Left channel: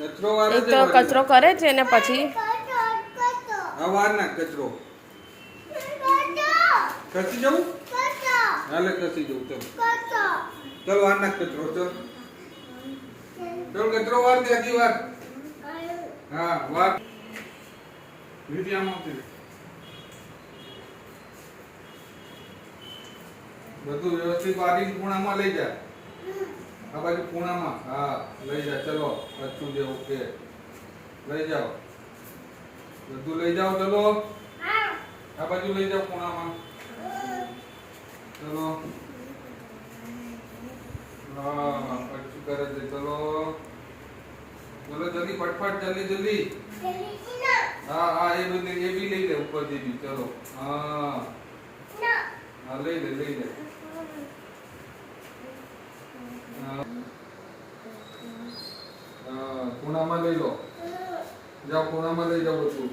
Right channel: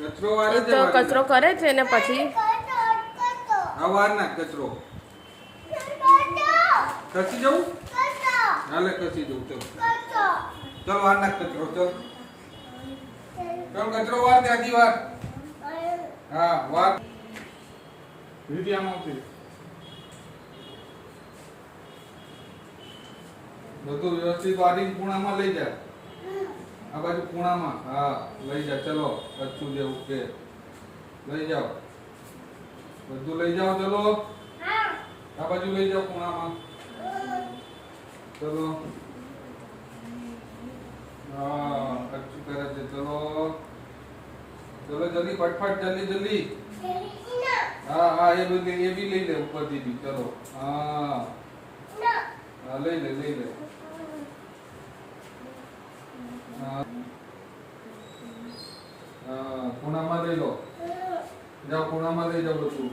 એક તો કચરો કરે છે ને પછી આ વાર ના કચરો ખસી જવું હાલે ખસી જવું ચલો ચલો વાર ના કચરો ચલો ચલો કચરો વાર ત્યાંથી વાર હા વાર મીડિયામાં બધું વ્યવસ્થિત વારીને ખૂણામાં લઈ જા આ બાજુ ખૂણામાં હા લઈ જા ચલો કચ્છું જે ઓકે લઈ જાઓ બધું લઈ જાઓ ચલો આ બાજુ લઈ જાઓ ખૂણામાં ચલો હા કચ્છું કરે છે ચલો ચલો જલ્દી ફટફટ જલ્દી જલ્દી हाँ हाँ ये भी ले ले ऊपर जी भी चलो हाँ हाँ ले ले हाँ हाँ कोना में ले लो जाओ कोना में ले जाओ तू